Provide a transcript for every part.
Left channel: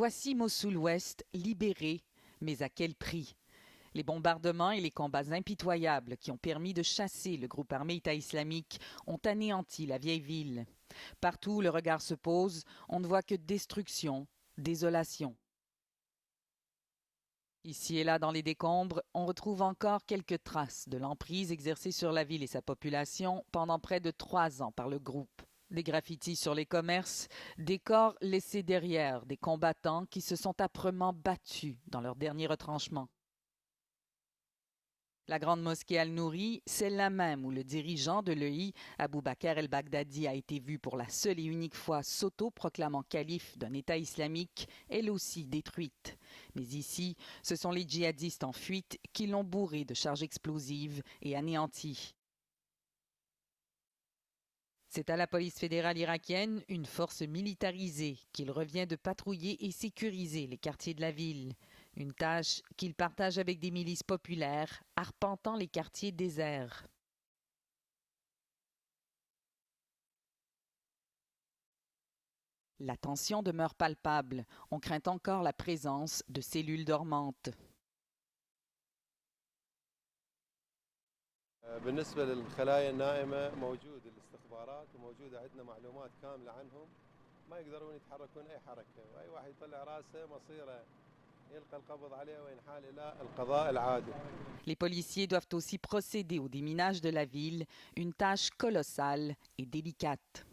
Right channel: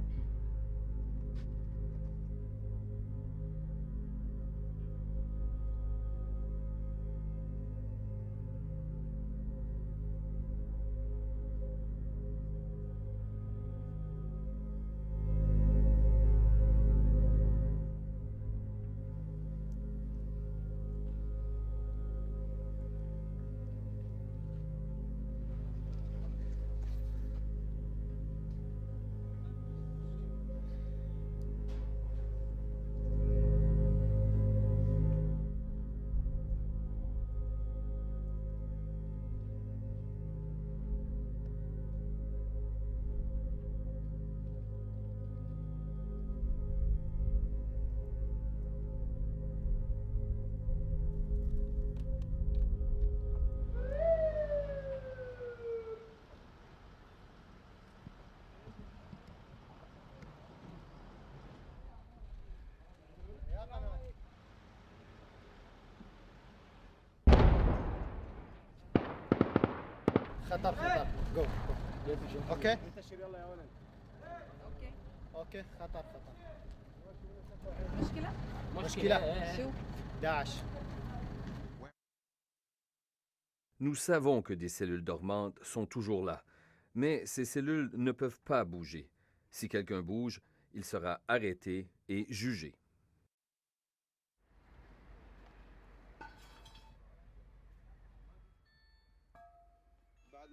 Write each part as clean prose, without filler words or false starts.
Voici Mossoul-Ouest libéré, mais à quel prix? Les bombardements et les combats impitoyables qui ont permis de chasser le groupe armé État islamique ont anéanti la vieille ville. Partout où le regard se pose, on ne voit que destruction, désolation. Ici et là dans les décombres, on retrouve encore quelques traces de l'emprise exercée sur la ville et sa population pendant près de 3 ans par le groupe. Des graffitis sur les commerces, des corps laissés derrière des combattants qui se sont âprement battus dans leur dernier retranchement. La grande mosquée Al-Nouri, celle-là même où le dirigeant de l'EI, Aboubacar el-Baghdadi, a été vu pour la seule et unique fois s'auto-proclamant calife d'un État islamique, elle aussi détruite. Mais ici, ce sont les djihadistes en fuite qui l'ont bourré de charges explosives et anéanti. C'est à la police fédérale irakienne, une force militarisée, qu'il revient de patrouiller et sécuriser les quartiers de la ville. Une tâche qu'il partage avec des milices populaires, arpentant les quartiers déserts. La tension demeure palpable. On craint encore la présence de cellules dormantes. Nous savons que des cellules dormantes sont toujours là, mais ces cellules ne peuvent pas bouger. Si quelqu'un bouge, il sera arrêté et jugé. Les policiers doivent aussi procéder au déminage de la ville, une tâche colossale et délicate.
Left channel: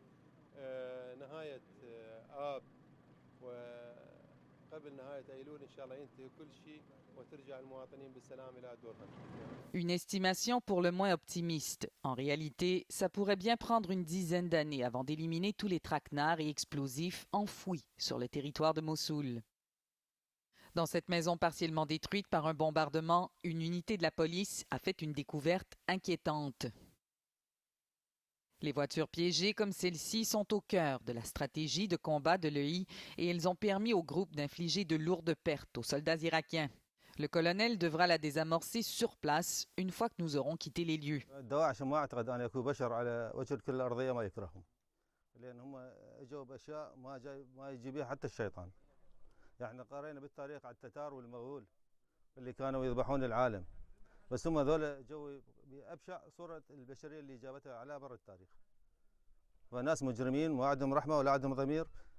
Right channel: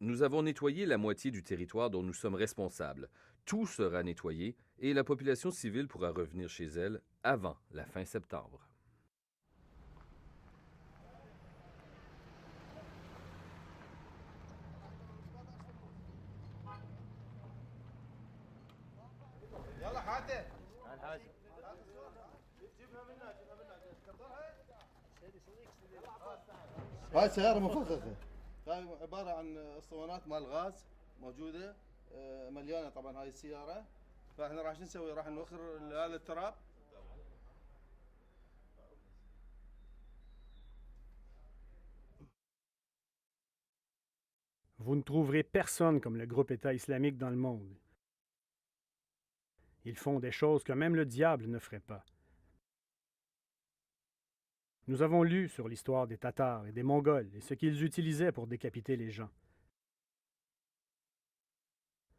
Nous avons nettoyé la moitié du territoire dont nous sommes responsables. Tout sera nettoyé et la population civile pourra revenir chez elle avant la fin septembre. Une estimation pour le moins optimiste. En réalité, ça pourrait bien prendre une dizaine d'années avant d'éliminer tous les traquenards et explosifs enfouis sur le territoire de Mossoul. Dans cette maison partiellement détruite par un bombardement, une unité de la police a fait une découverte inquiétante. Les voitures piégées comme celle-ci sont au cœur de la stratégie de combat de l'EI et elles ont permis au groupe d'infliger de lourdes pertes aux soldats irakiens. Le colonel devra la désamorcer sur place une fois que nous aurons quitté les lieux. Vous ne trouverez personne comme le groupe État islamique dans le monde. Ils font des choses que même le diable ne ferait pas. Nous avons lu sur l'histoire des Tatars et des Mongols et ce qu'ils utilisaient pour décapiter les gens.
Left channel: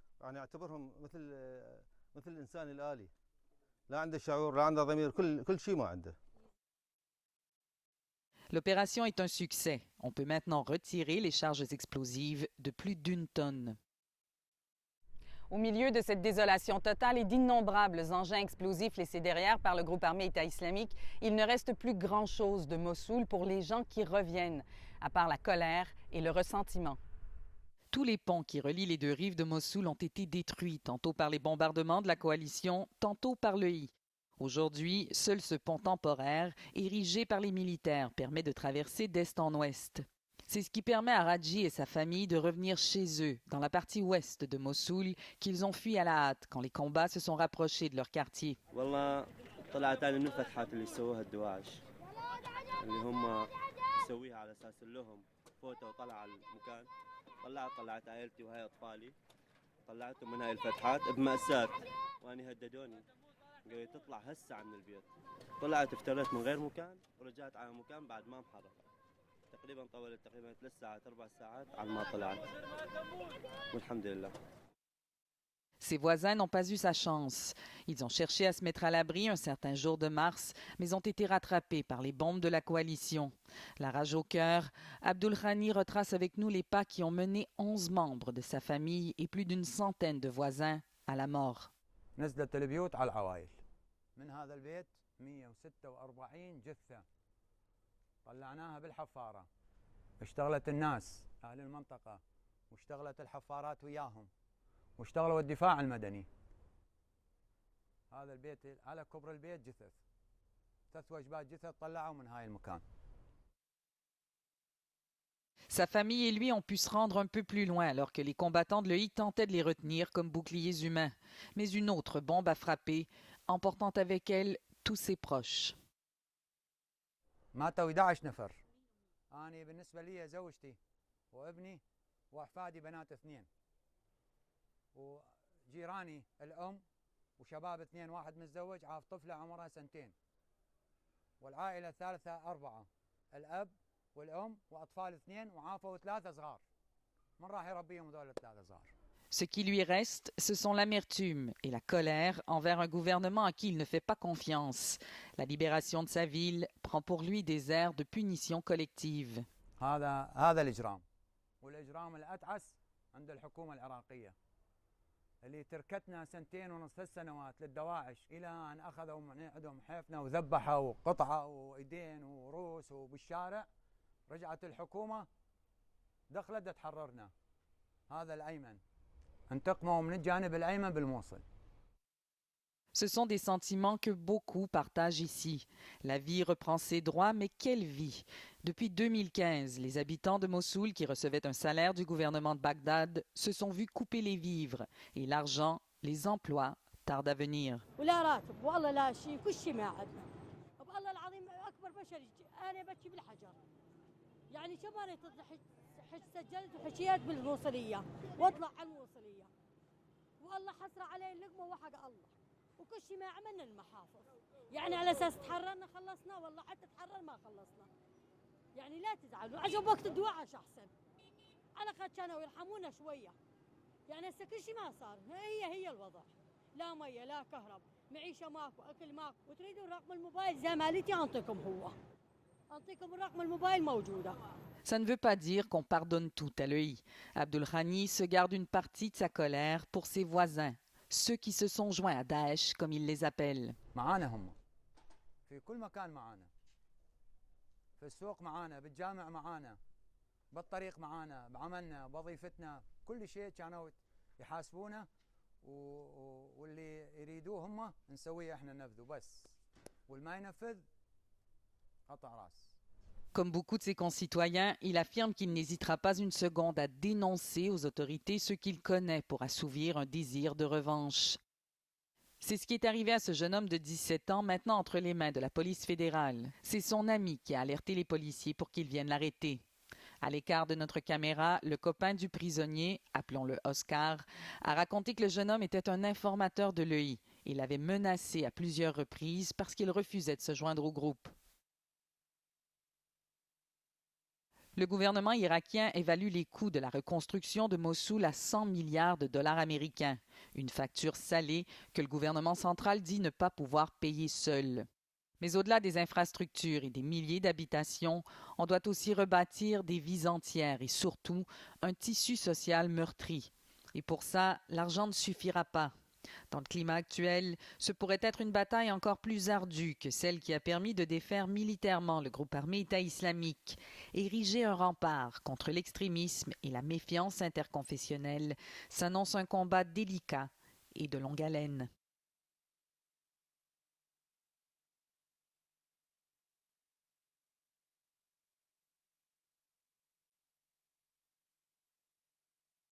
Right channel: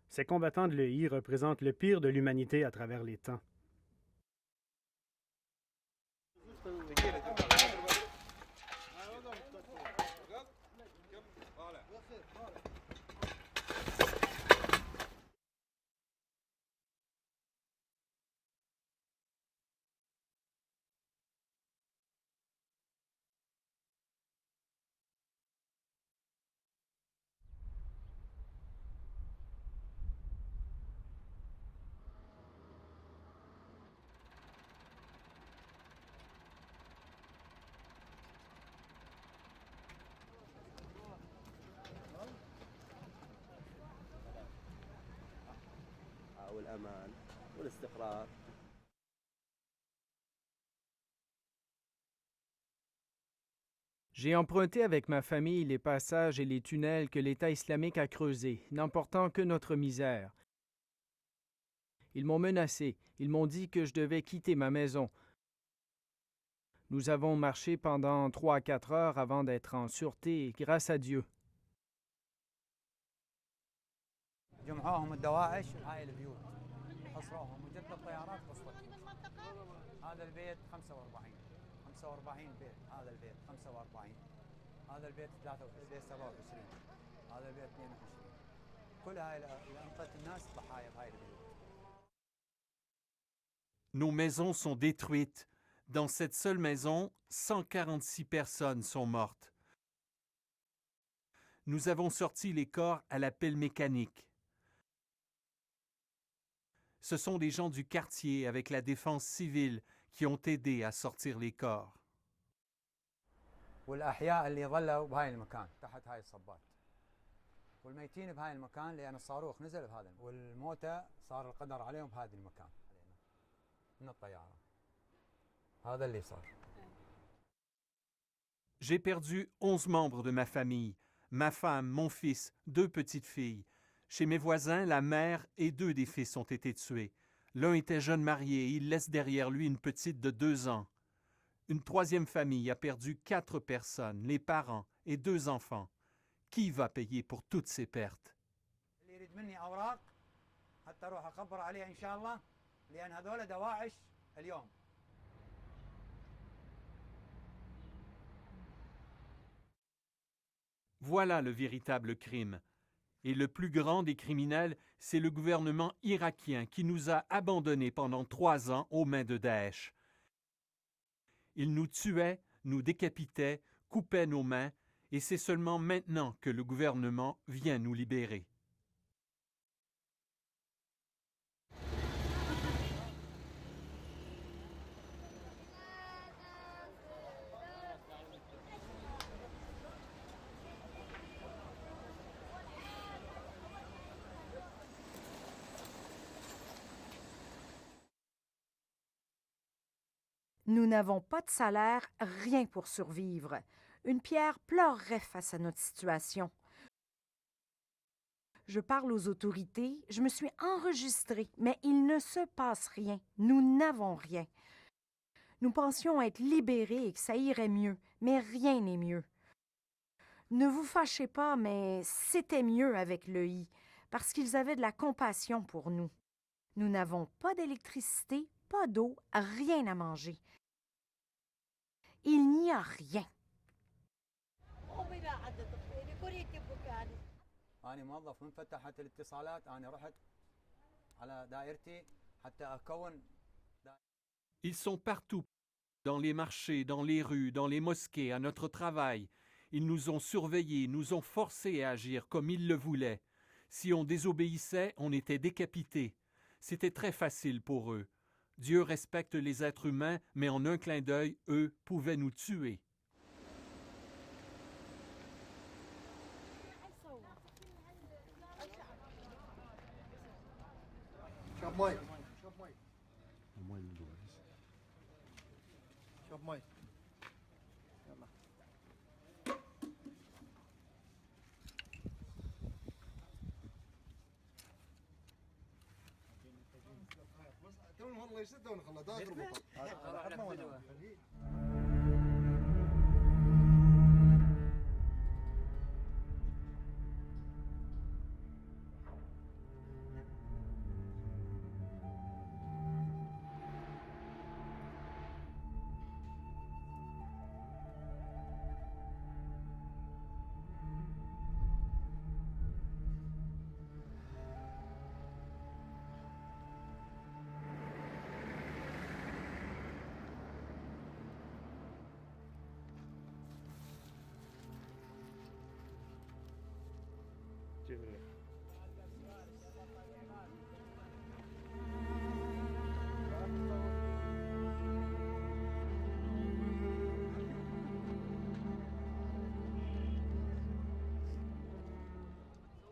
Ces combattants de l'EI représentent le pire de l'humanité à travers les temps. L'opération est un succès. On peut maintenant retirer les charges explosives de plus d'1 tonne. Au milieu de cette désolation totale et d'innombrables engins explosifs laissés derrière par le groupe armé État islamique, il ne reste plus grand-chose de Mossoul pour les gens qui reviennent, à part la colère et le ressentiment. Tous les ponts qui relient les deux rives de Mossoul ont été détruits, tantôt par les bombardements de la coalition, tantôt par l'EI. Aujourd'hui, seul ce pont temporaire, érigé par les militaires, permet de traverser d'est en ouest. C'est ce qui permet à Radji et sa famille de revenir chez eux, dans la partie ouest de Mossoul, qu'ils ont fui à la hâte quand les combats se sont rapprochés de leur quartier. J'ai emprunté avec ma famille les passages et les tunnels que l'État islamique a creusés, n'emportant que notre misère. Ils m'ont menacé. Ils m'ont dit que je devais quitter ma maison. Nous avons marché pendant 3 à 4 heures avant d'être en sûreté, grâce à Dieu. Ses voisins n'ont pas eu sa chance. Ils ont cherché à se mettre à l'abri un certain jour de mars, mais ont été rattrapés par les bombes de la coalition. La rage au cœur, Abdul Khani retrace avec nous les pas qui ont mené 11 membres de sa famille et plus d'une centaine de voisins à la mort. Nos maisons sont détruites. Dans cette seule maison, 146 personnes sont mortes. Nous avons sorti les corps à la pelle mécanique. Ce sont des gens du quartier avec la défense civile qui ont aidé à sortir les corps. Sa famille et lui ont pu se rendre un peu plus loin alors que les combattants de l'EI tentaient de les retenir comme boucliers humains. Mais une autre bombe a frappé, emportant avec elle tous ses proches. J'ai perdu 11 membres de ma famille. ma femme, mon fils, 2 petites filles. Chez mes voisins, la mère et 2 des fils ont été tués. L'un était jeune marié, il laisse derrière lui une petite de 2 ans. Une 3e famille a perdu 4 personnes, les parents et 2 enfants. Qui va payer pour toutes ces pertes? Ce qui lui reste, ce sont l'amertume et la colère envers un gouvernement à qui il ne fait pas confiance. La libération de sa ville prend pour lui des airs de punition collective. Voilà le véritable crime. Et le plus grand des criminels, c'est le gouvernement irakien qui nous a abandonnés pendant 3 ans aux mains de Daesh. Il nous tuait, nous décapitait, coupait nos mains, et c'est seulement maintenant que le gouvernement vient nous libérer. Ce sont des sentiments que beaucoup partagent ici. La vie reprend ses droits, mais quelle vie? Depuis 2015, les habitants de Mossoul qui recevaient un salaire du gouvernement de Bagdad se sont vus couper les vivres et l'argent, les emplois tardent à venir. Nous n'avons pas de salaire, rien pour survivre. Une pierre pleurerait face à notre situation. Je parle aux autorités, je me suis enregistrée, mais il ne se passe rien. Nous n'avons rien. Nous pensions être libérés et que ça irait mieux, mais rien n'est mieux. Ne vous fâchez pas, mais c'était mieux avec l'EI, parce qu'ils avaient de la compassion pour nous. Nous n'avons pas d'électricité, pas d'eau, rien à manger. Il n'y a rien. Ça ne veut pas dire qu'on pardonne tout à l'EI. Abdul Ghani se garde une partie de sa colère pour ses voisins, ceux qui se sont joints à Daesh, comme il les appelle. Ils sont partout, dans les marchés, dans les rues, dans les mosquées, à notre travail. Ils nous ont surveillés, nous ont forcés à agir comme ils le voulaient. Si on désobéissait, on était décapités. C'était très facile pour eux. Dieu respecte les êtres humains, mais en un clin d'œil, eux pouvaient nous tuer. Comme beaucoup de ses concitoyens, il affirme qu'il n'hésitera pas une seconde à dénoncer aux autorités ceux qu'il connaît pour assouvir un désir de revanche. C'est ce qui est arrivé à ce jeune homme de 17 ans, maintenant entre les mains de la police fédérale. C'est son ami qui a alerté les policiers pour qu'ils viennent l'arrêter. À l'écart de notre caméra, le copain du prisonnier, appelons-le Oscar, a raconté que le jeune homme était un informateur de l'EI. Il l'avait menacé à plusieurs reprises parce qu'il refusait de se joindre au groupe. Le gouvernement irakien évalue les coûts de la reconstruction de Mossoul à 100 milliards de dollars américains. Une facture salée que le gouvernement central dit ne pas pouvoir payer seul. Mais au-delà des infrastructures et des milliers d'habitations, on doit aussi rebâtir des vies entières et surtout un tissu social meurtri. Et pour ça, l'argent ne suffira pas. Dans le climat actuel, ce pourrait être une bataille encore plus ardue que celle qui a permis de défaire militairement le groupe armé État islamique. Ériger un rempart contre l'extrémisme et la méfiance interconfessionnelle s'annonce un combat délicat et de longue haleine.